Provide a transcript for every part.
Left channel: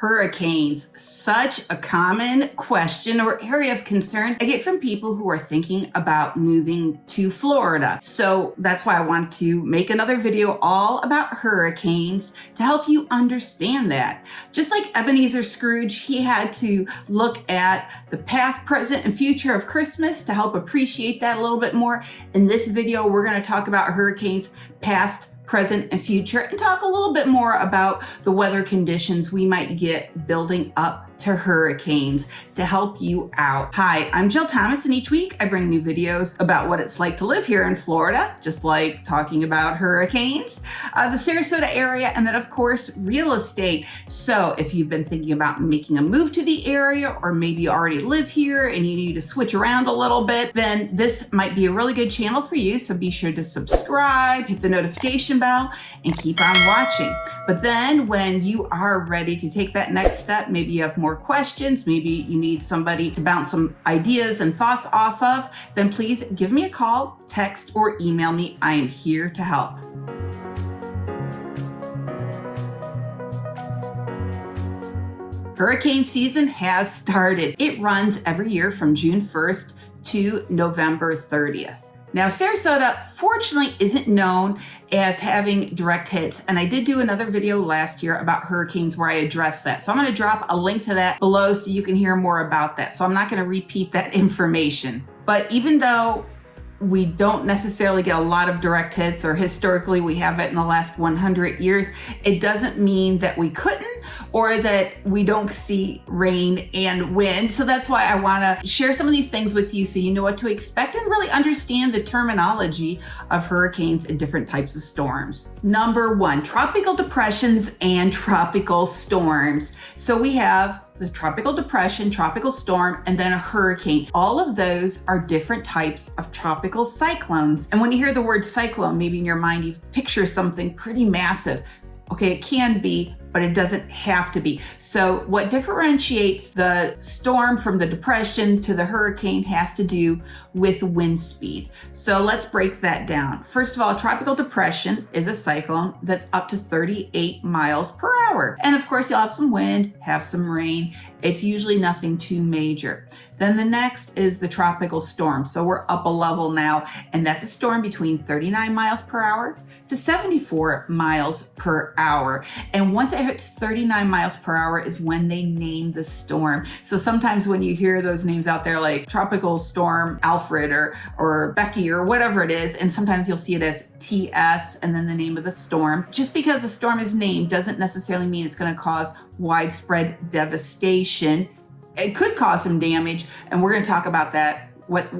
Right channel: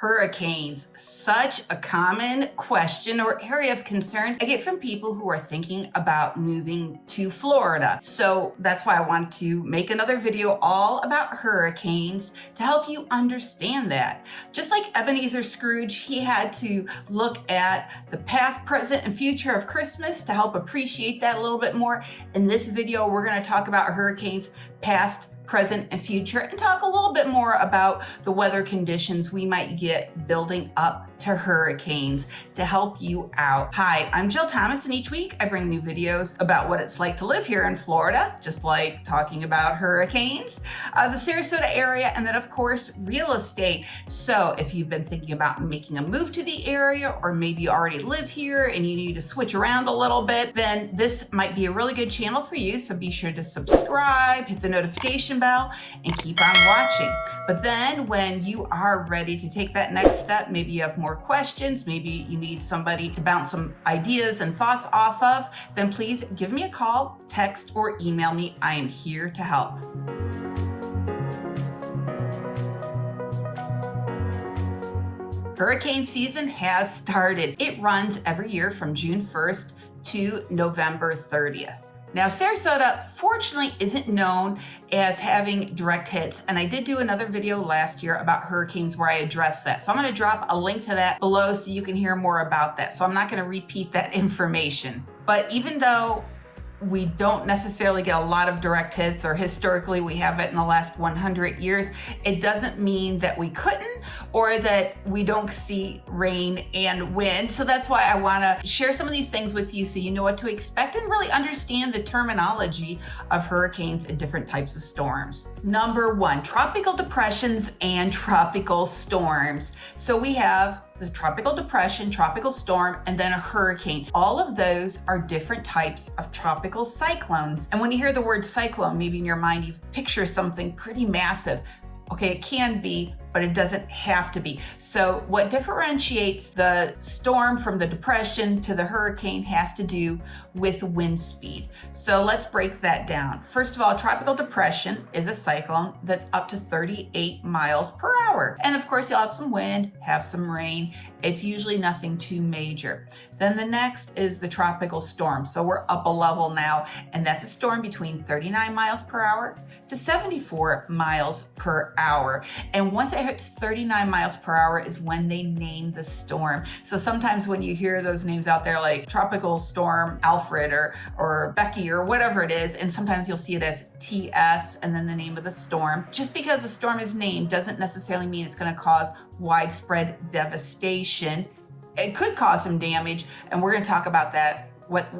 Hurricanes, such a common question or area of concern I get from people who are thinking about moving to Florida. So that's why I want to make another video all about hurricanes to help you understand that. Just like Ebenezer Scrooge, he had to look at the past, present, and future of Christmas to help appreciate that a little bit more. In this video, we're going to talk about hurricanes past, present, and future, and talk a little bit more about the weather conditions we might get building up to hurricanes to help you out. Hi, I'm Jill Thomas, and each week I bring new videos about what it's like to live here in Florida, just like talking about hurricanes, the Sarasota area, and then of course, real estate. So if you've been thinking about making a move to the area, or maybe you already live here and you need to switch around a little bit, then this might be a really good channel for you. So be sure to subscribe, hit the notification bell, and keep on watching. But then when you are ready to take that next step, maybe you have more questions, maybe you need somebody to bounce some ideas and thoughts off of, then please give me a call, text, or email me. I am here to help. Hurricane season has started. It runs every year from June 1st to November 30th. Now, Sarasota, fortunately, isn't known as having direct hits, and I did do another video last year about hurricanes where I addressed that. So I'm going to drop a link to that below so you can hear more about that. So I'm not going to repeat that information. But even though we don't necessarily get a lot of direct hits, or historically we have it in the last 100 years, it doesn't mean that we couldn't or that we don't see rain and wind. So that's why I want to share some of these things with you so you know what to expect and really understand the terminology of hurricanes and different types of storms. Number one, tropical depressions and tropical storms. So we have the tropical depression, tropical storm, and then a hurricane. All of those are different types of tropical cyclones. And when you hear the word cyclone, maybe in your mind you picture something pretty massive. Okay, it can be, but it doesn't have to be. So what differentiates the storm from the depression to the hurricane has to do with wind speed. So let's break that down. First of all, tropical depression is a cyclone that's up to 38 miles per hour. And of course, you'll have some wind, have some rain. It's usually nothing too major. Then the next is the tropical storm. So we're up a level now, and that's a storm between 39 miles per hour to 74 miles per hour. And once it hits 39 miles per hour is when they name the storm. So sometimes when you hear those names out there like Tropical Storm Alfred or Becky or whatever it is, and sometimes you'll see it as TS and then the name of the storm. Just because a storm is named doesn't necessarily mean it's going to cause widespread devastation. It could cause some damage, and we're going to talk about that, what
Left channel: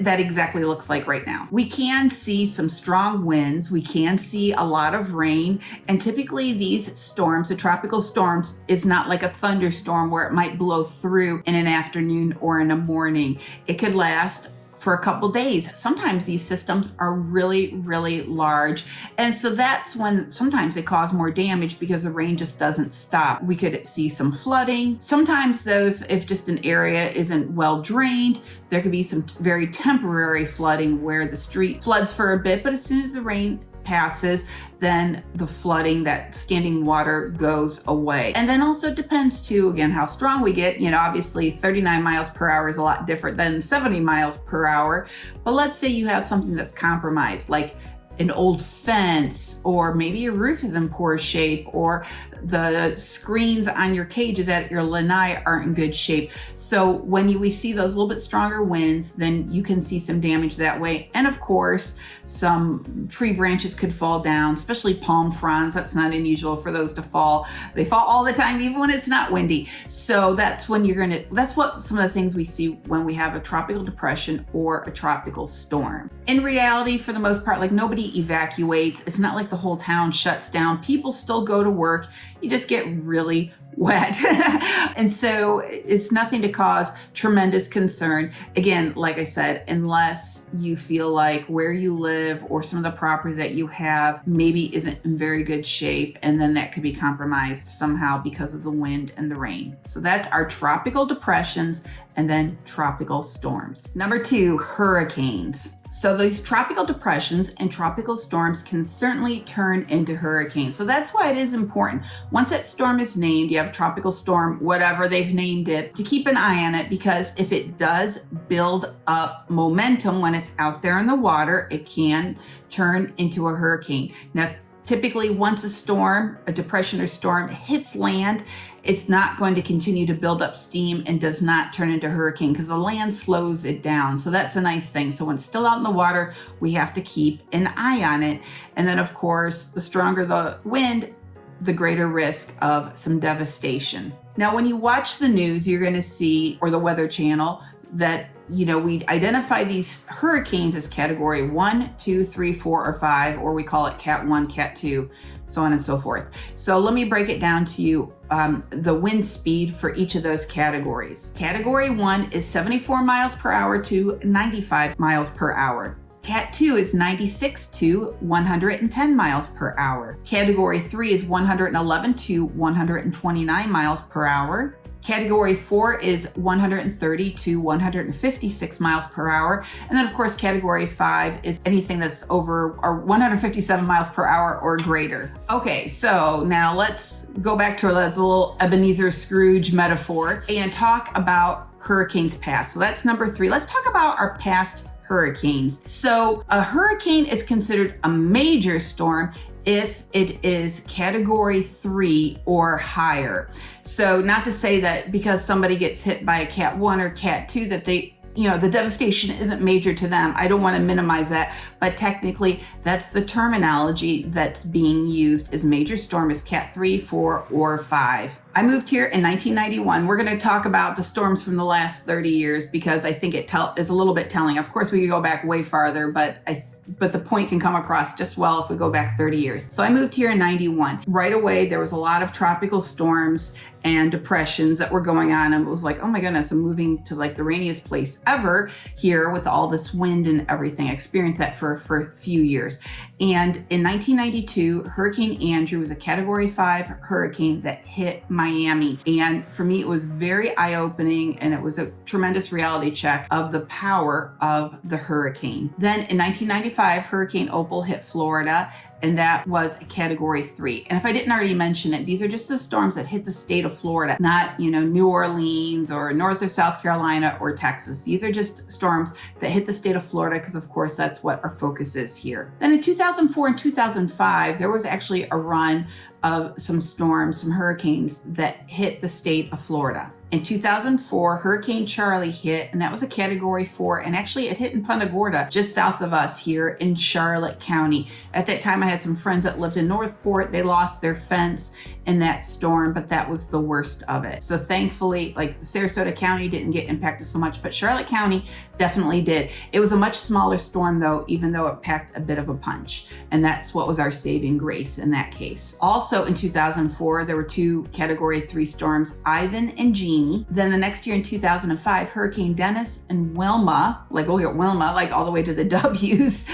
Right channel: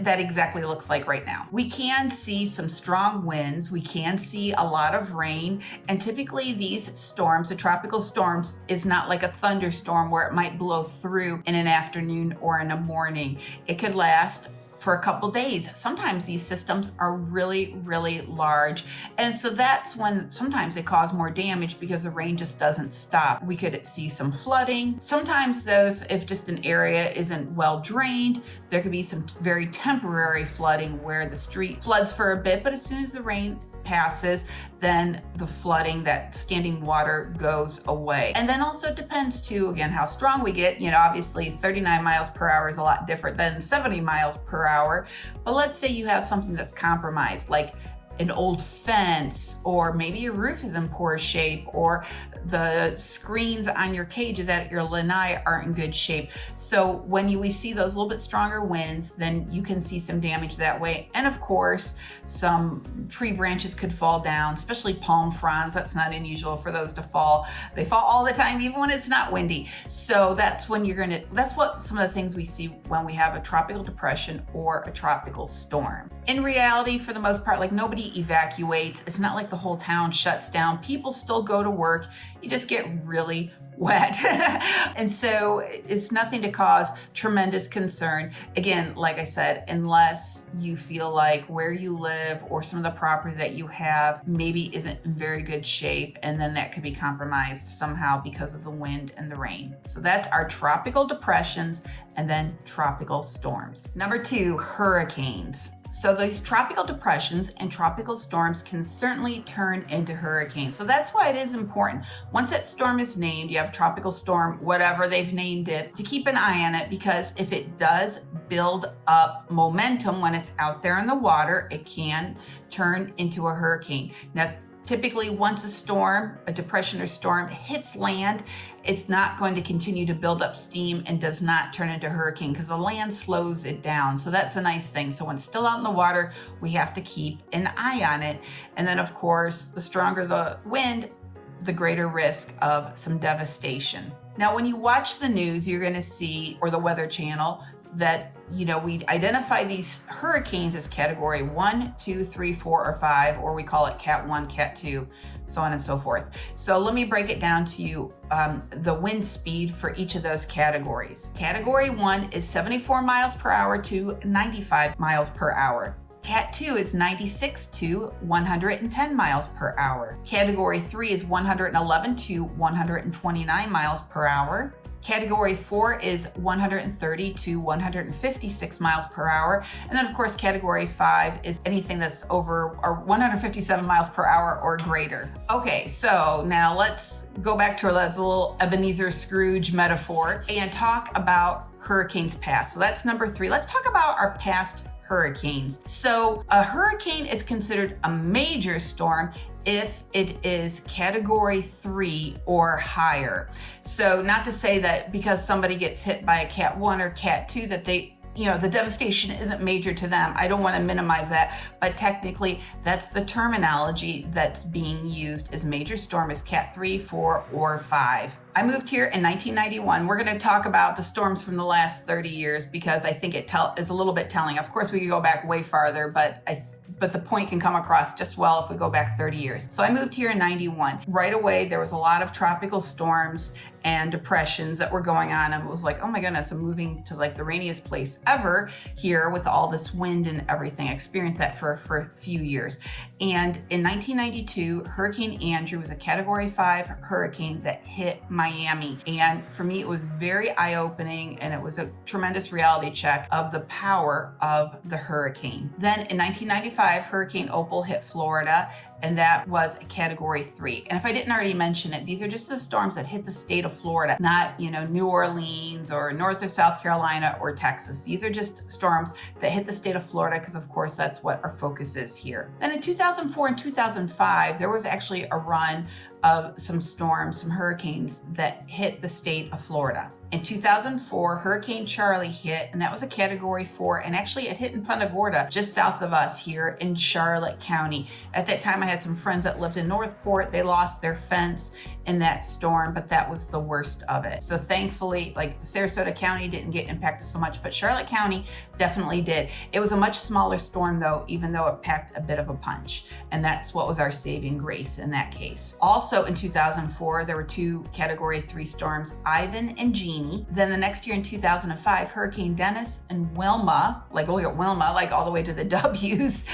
that exactly looks like right now. We can see some strong winds, we can see a lot of rain, and typically these storms, the tropical storms, is not like a thunderstorm where it might blow through in an afternoon or in a morning. It could last for a couple days. Sometimes these systems are really, really large. And so that's when sometimes they cause more damage because the rain just doesn't stop. We could see some flooding. Sometimes though, if just an area isn't well drained, there could be some very temporary flooding where the street floods for a bit, but as soon as the rain passes, then the flooding, that standing water, goes away. And then also depends too, again, how strong we get. You know, obviously 39 miles per hour is a lot different than 70 miles per hour. But let's say you have something that's compromised, like an old fence, or maybe your roof is in poor shape, or the screens on your cages at your lanai aren't in good shape. So when we see those little bit stronger winds, then you can see some damage that way. And of course, some tree branches could fall down, especially palm fronds. That's not unusual for those to fall. They fall all the time, even when it's not windy. So that's when that's what some of the things we see when we have a tropical depression or a tropical storm. In reality, for the most part, like nobody evacuates. It's not like the whole town shuts down. People still go to work. You just get really wet. And so it's nothing to cause tremendous concern. Again, like I said, unless you feel like where you live or some of the property that you have maybe isn't in very good shape, and then that could be compromised somehow because of the wind and the rain. So that's our tropical depressions and then tropical storms. Number two, hurricanes. So these tropical depressions and tropical storms can certainly turn into hurricanes. So that's why it is important. Once that storm is named, you have a tropical storm, whatever they've named it, to keep an eye on it, because if it does build up momentum when it's out there in the water, it can turn into a hurricane. Now, typically, once a depression or storm hits land, it's not going to continue to build up steam and does not turn into a hurricane because the land slows it down. So that's a nice thing. So when it's still out in the water, we have to keep an eye on it. And then, of course, the stronger the wind, the greater risk of some devastation. Now, when you watch the news, you're going to see, or the Weather Channel, that we identify these hurricanes as category 1, 2, 3, 4, or 5, or we call it Cat 1, Cat 2, so on and so forth. So let me break it down to you, the wind speed for each of those categories. Category 1 is 74 miles per hour to 95 miles per hour. Cat 2 is 96 to 110 miles per hour. Category 3 is 111 to 129 miles per hour. Category 4 is 130 to 156 miles per hour. And then, of course, Category 5 is anything that's over or 157 miles per hour or greater. Okay, so now let's go back to our little Ebenezer Scrooge metaphor and talk about hurricanes past. So that's number 3. Let's talk about our past hurricanes. So a hurricane is considered a major storm if it is category 3 or higher. So not to say that because somebody gets hit by a Cat 1 or Cat 2 that the devastation isn't major to them. I don't want to minimize that, but technically that's the terminology that's being used, is major storm is Cat 3, 4, or 5. I moved here in 1991. We're going to talk about the storms from the last 30 years because I think it is a little bit telling. Of course, we could go back way farther, but the point can come across just well if we go back 30 years. So I moved here in 91. Right away, there was a lot of tropical storms and depressions that were going on. And it was like, oh my goodness, I'm moving to like the rainiest place ever here with all this wind and everything. I experienced that for a few years. And in 1992, Hurricane Andrew was a category 5 hurricane that hit Miami. And for me, it was very eye-opening, and it was a tremendous reality check of the power of the hurricane. Then in 1995, Hurricane Opal hit Florida, and that was a category 3. And if I didn't already mention it, these are just the storms that hit the state of Florida, not, New Orleans or North or South Carolina or Texas. These are just storms that hit the state of Florida because, of course, that's what our focus is here. Then in 2004 and 2005, there was actually a run of some storms, some hurricanes that hit the state of Florida. In 2004, Hurricane Charlie hit, and that was a category 4, and actually it hit in Punta Gorda, just south of us here in Charlotte County. At that time, I had some friends that lived in Northport. They lost their fence in that storm, but that was the worst of it. So thankfully, like Sarasota County didn't get impacted so much, but Charlotte County definitely did. It was a much smaller storm though, even though it packed a bit of a punch. And that's what was our saving grace in that case. Also in 2004, there were 2 category 3 storms, Ivan and Jeannie. Then the next year in 2005, Hurricane Dennis and Wilma, look at Wilma, all the way to the W's,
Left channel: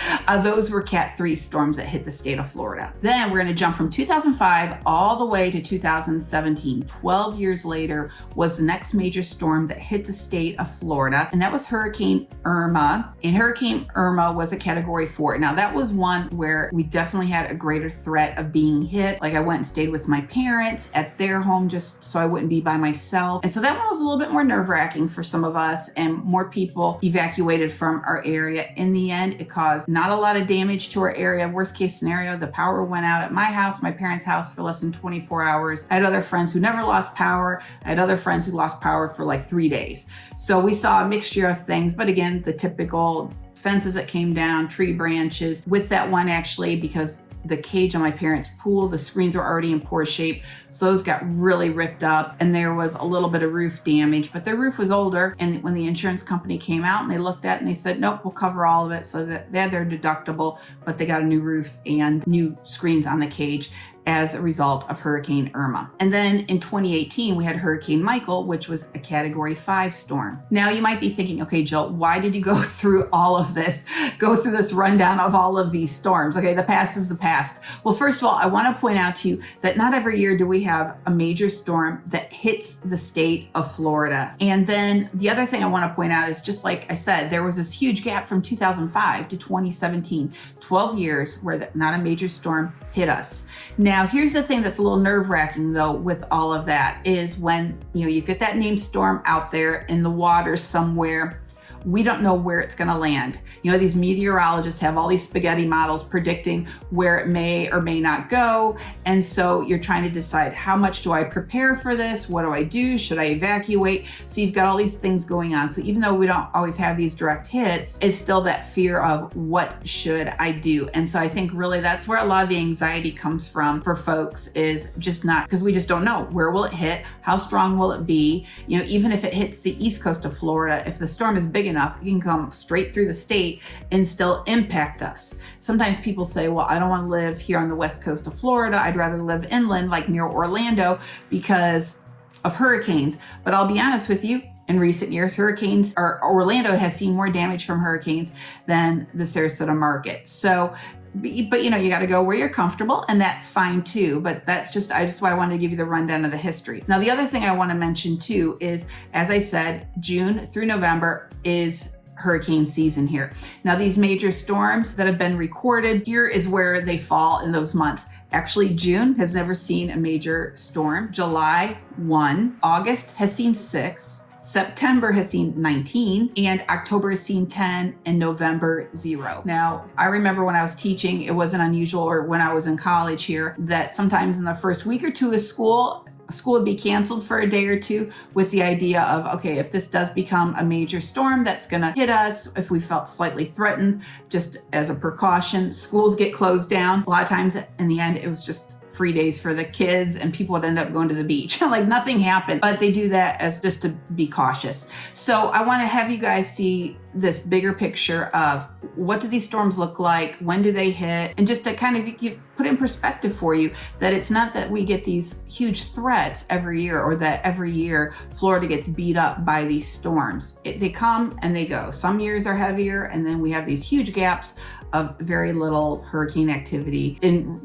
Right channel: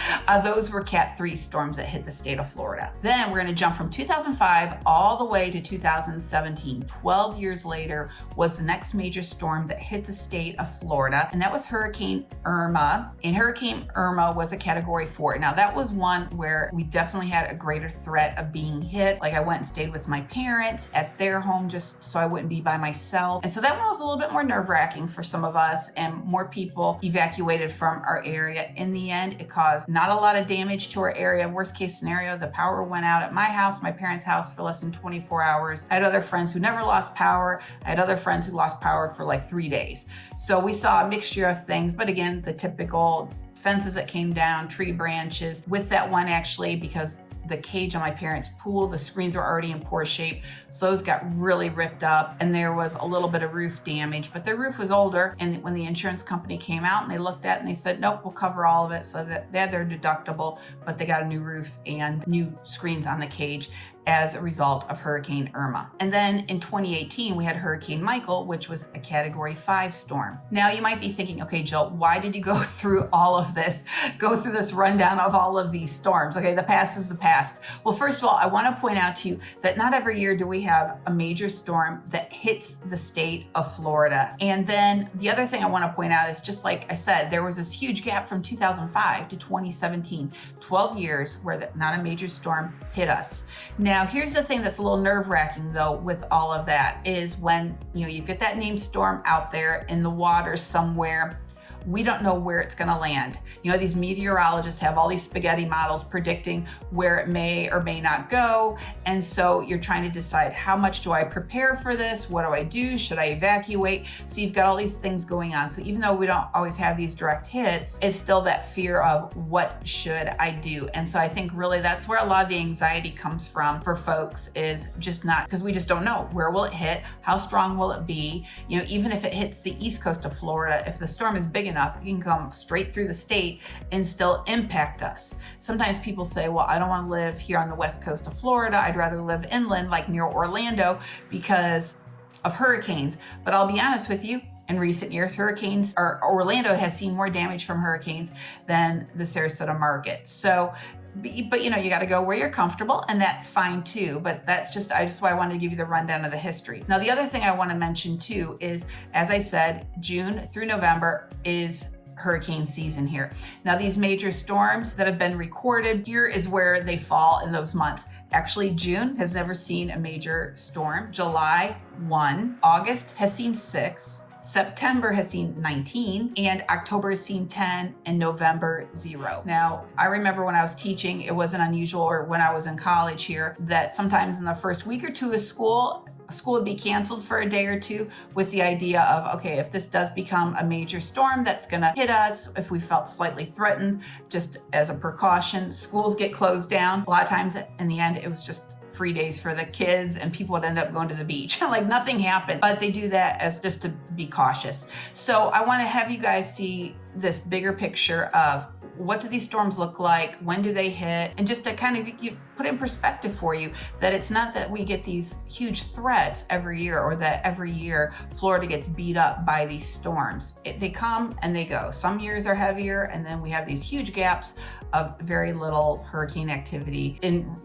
those were Cat 3 storms that hit the state of Florida. Then we're going to jump from 2005 all the way to 2017. 12 years later was the next major storm that hit the state of Florida, and that was Hurricane Irma. And Hurricane Irma was a category 4. Now that was one where we definitely had a greater threat of being hit. I went and stayed with my parents at their home just so I wouldn't be by myself. And so that one was a little bit more nerve-wracking for some of us, and more people evacuated from our area. In the end, it caused not a lot of damage to our area. Worst case scenario, the power went out at my house, my parents' house, for less than 24 hours. I had other friends who never lost power. I had other friends who lost power for 3 days. So we saw a mixture of things, but again, the typical fences that came down, tree branches. With that one, actually, because the cage on my parents' pool, the screens were already in poor shape, so those got really ripped up, and there was a little bit of roof damage, but their roof was older. And when the insurance company came out and they looked at it and they said, nope, we'll cover all of it, so that they had their deductible, but they got a new roof and new screens on the cage. as a result of Hurricane Irma. And then in 2018, we had Hurricane Michael, which was a Category 5 storm. Now you might be thinking, okay, Jill, why did you go through all of this, go through this rundown of all of these storms? Okay, the past is the past. Well, first of all, I want to point out to you that not every year do we have a major storm that hits the state of Florida. And then the other thing I want to point out is, just like I said, there was this huge gap from 2005 to 2017, 12 years where not a major storm hit us. Now, here's the thing that's a little nerve-wracking though with all of that is when you get that named storm out there in the water somewhere, we don't know where it's going to land. These meteorologists have all these spaghetti models predicting where it may or may not go. And so you're trying to decide, how much do I prepare for this? What do I do? Should I evacuate? So you've got all these things going on. So even though we don't always have these direct hits, it's still that fear of what should I do? And so I think really that's where a lot of the anxiety comes from for folks, is just not, because we just don't know, where will it hit? How strong will it be? Even if it hits the east coast of Florida, if the storm is big enough, it can come straight through the state and still impact us. Sometimes people say, well, I don't want to live here on the west coast of Florida. I'd rather live inland, like near Orlando, because of hurricanes. But I'll be honest with you, in recent years, Orlando has seen more damage from hurricanes than the Sarasota market. So, but you got to go where you're comfortable, and that's fine too. But that's why I wanted to give you the rundown of the history. Now, the other thing I want to mention too is, as I said, June through November is hurricane season here. Now, these major storms that have been recorded, here is where they fall in those months. Actually, June has never seen a major storm. July, 1. August has seen 6. September has seen 19, and October has seen 10, and November 0. Now, I remember when I was teaching, it wasn't unusual, or when I was in college here, that sometimes in the first week or two of school would be canceled for a day or two with the idea of, okay, if this does become a major storm that's going to hit us, if we felt slightly threatened, just as a precaution, schools get closed down. A lot of times in the end, it was just free days for the kids, and people would end up going to the beach. Like nothing happened, but they do that as just to be cautious. So I want to have you guys see this bigger picture of, what do these storms look like? When do they hit? And just to kind of put in perspective for you that it's not that we get these huge threats every year, or that every year Florida gets beat up by these storms. They come and they go. Some years are heavier, and then we have these huge gaps of very little hurricane activity in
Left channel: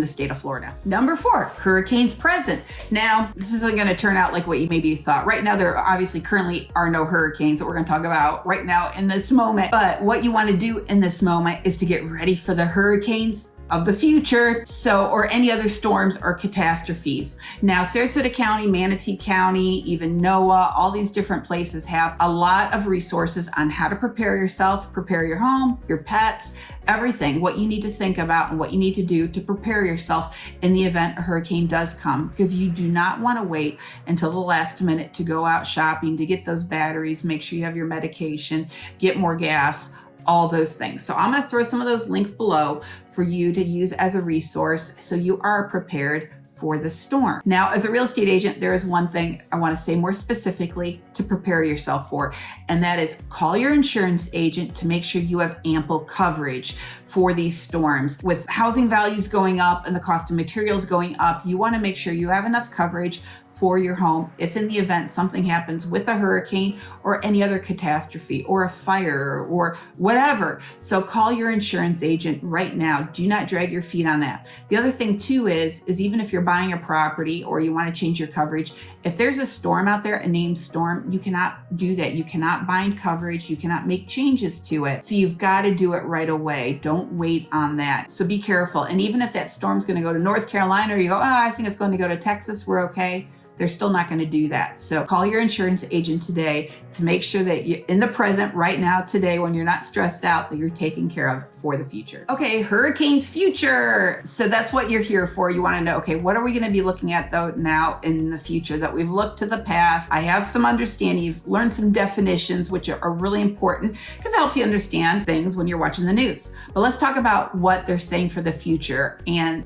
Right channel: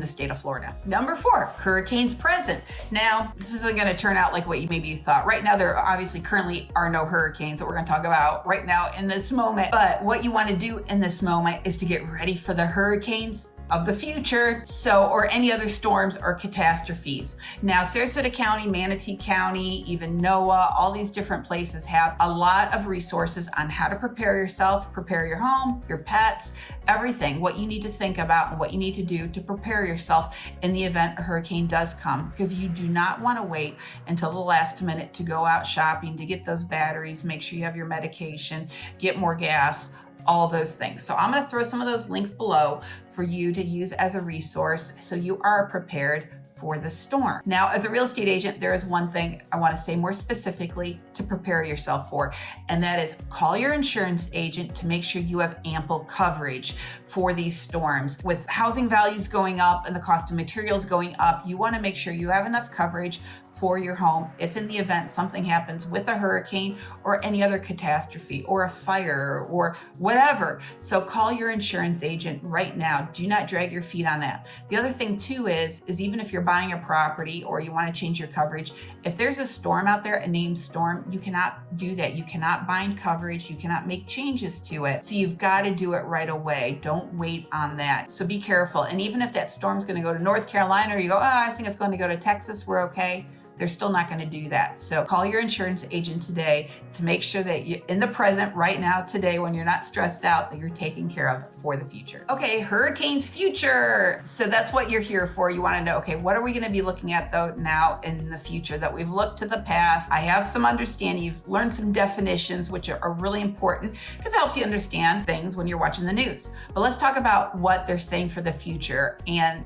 the state of Florida. Number 4, hurricanes present. Now, this isn't going to turn out like what you maybe thought. Right now, there obviously currently are no hurricanes that we're going to talk about right now in this moment. But what you want to do in this moment is to get ready for the hurricanes of the future, or any other storms or catastrophes. Now, Sarasota County, Manatee County, even NOAA, all these different places have a lot of resources on how to prepare yourself, prepare your home, your pets, everything, what you need to think about and what you need to do to prepare yourself in the event a hurricane does come, because you do not want to wait until the last minute to go out shopping, to get those batteries, make sure you have your medication, get more gas, all those things. So I'm going to throw some of those links below for you to use as a resource so you are prepared for the storm. Now, as a real estate agent, there is one thing I want to say more specifically to prepare yourself for, and that is call your insurance agent to make sure you have ample coverage for these storms. With housing values going up and the cost of materials going up, you want to make sure you have enough coverage for your home if in the event something happens with a hurricane or any other catastrophe or a fire or whatever. So call your insurance agent right now. Do not drag your feet on that. The other thing too is even if you're buying a property or you want to change your coverage, if there's a storm out there, a named storm, you cannot do that. You cannot bind coverage. You cannot make changes to it. So you've got to do it right away. Don't wait on that. So be careful. And even if that storm's going to go to North Carolina, or you go, I think it's going to go to Texas, we're okay. They're still not going to do that. So call your insurance agent today to make sure that you, in the present, right now, today, when you're not stressed out, that you're taken care of for the future. Okay, hurricanes future. So that's what you're here for. You want to know, okay, what are we going to be looking at though now in the future that we've looked to the past? I have some understanding. You've learned some definitions, which are really important because it helps you understand things when you're watching the news. But let's talk about what they're saying for the future. And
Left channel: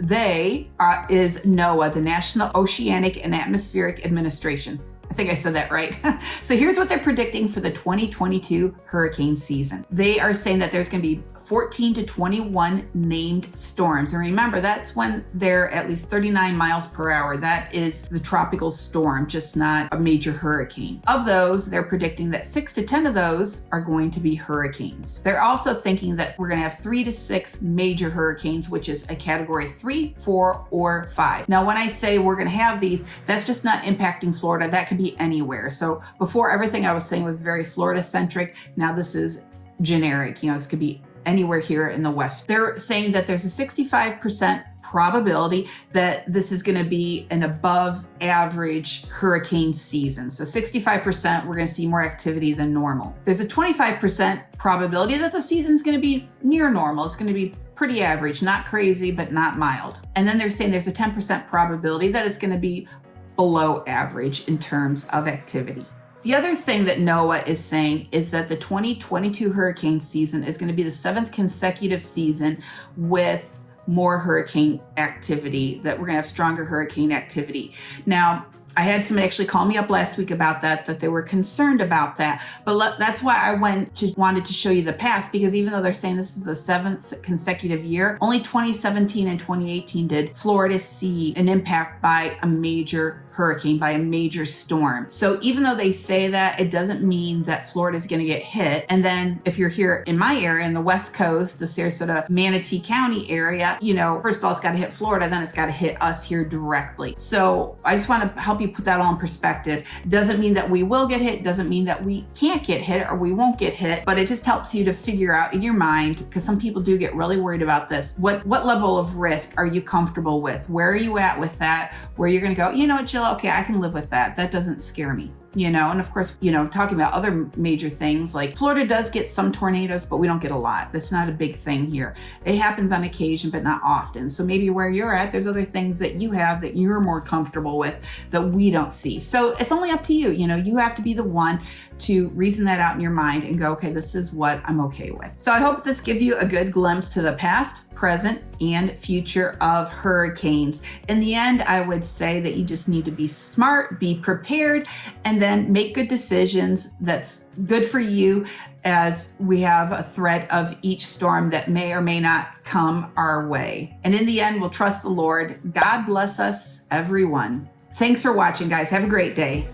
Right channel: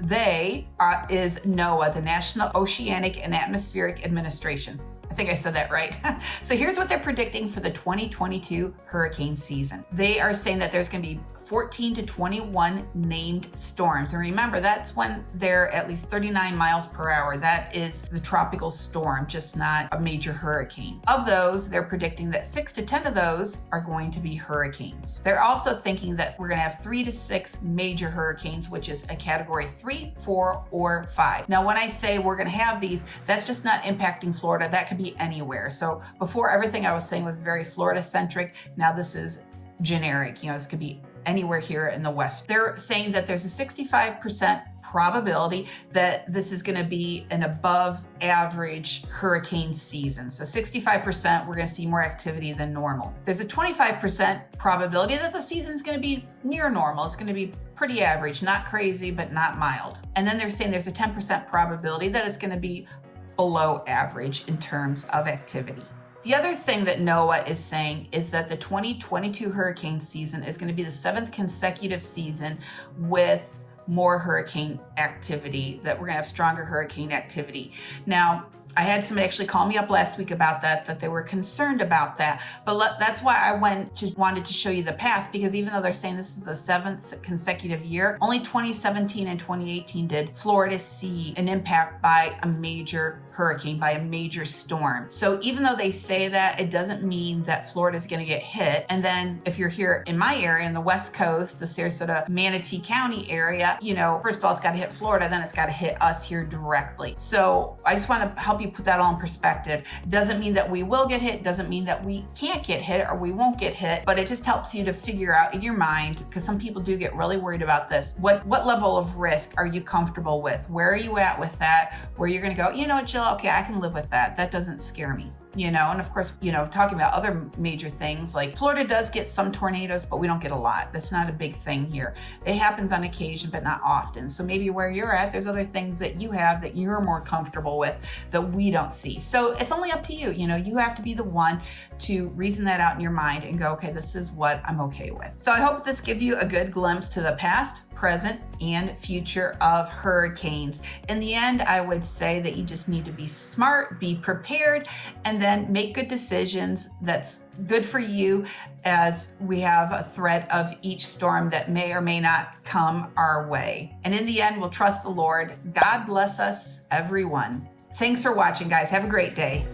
is NOAA, the National Oceanic and Atmospheric Administration. I think I said that right. So here's what they're predicting for the 2022 hurricane season. They are saying that there's going to be 14 to 21 named storms. And remember, that's when they're at least 39 miles per hour. That is the tropical storm, just not a major hurricane. Of those, they're predicting that 6 to 10 of those are going to be hurricanes. They're also thinking that we're going to have 3 to 6 major hurricanes, which is a category 3, 4, or 5. Now, when I say we're going to have these, that's just not impacting Florida. That could be anywhere. So before, everything I was saying was very Florida centric. Now this is generic. This could be anywhere here in the West. They're saying that there's a 65% probability that this is going to be an above average hurricane season. So 65%, we're going to see more activity than normal. There's a 25% probability that the season's going to be near normal. It's going to be pretty average, not crazy, but not mild. And then they're saying there's a 10% probability that it's going to be below average in terms of activity. The other thing that NOAA is saying is that the 2022 hurricane season is going to be the 7th consecutive season with more hurricane activity, that we're going to have stronger hurricane activity. Now, I had somebody actually call me up last week about that they were concerned about that. But that's why I wanted to show you the past, because even though they're saying this is the 7th consecutive year, only 2017 and 2018 did Florida see an impact by a major hurricane, by a major storm. So even though they say that, it doesn't mean that Florida is going to get hit. And then if you're here in my area, in the West Coast, the Sarasota Manatee County area, first of all, it's got to hit Florida, then it's got to hit us here directly. So I just want to help you put that all in perspective. It doesn't mean that we will get hit, doesn't mean that we can't get hit or we won't get hit, but it just helps you to figure out in your mind, because some people do get really worried about this. What level of risk are you comfortable with? Where are you at with that? Where you're going to go, Jill, okay, I can live with that. That doesn't scare me. And of course, talking about other major things, like Florida does get some tornadoes, but we don't get a lot. That's not a big thing here. It happens on occasion, but not often. So maybe where you're at, there's other things that you have that you're more comfortable with that we don't see. So it's only up to you. You have to be the one to reason that out in your mind and go, okay, this is what I'm okay with. So I hope this gives you a good glimpse to the past, present, and future of hurricanes. In the end, I would say that you just need to be smart, be prepared, and then make good decisions that's good for you, as we have a threat of each storm that may or may not come our way. And in the end, we'll trust the Lord. God bless us, everyone. Thanks for watching, guys. Have a great day.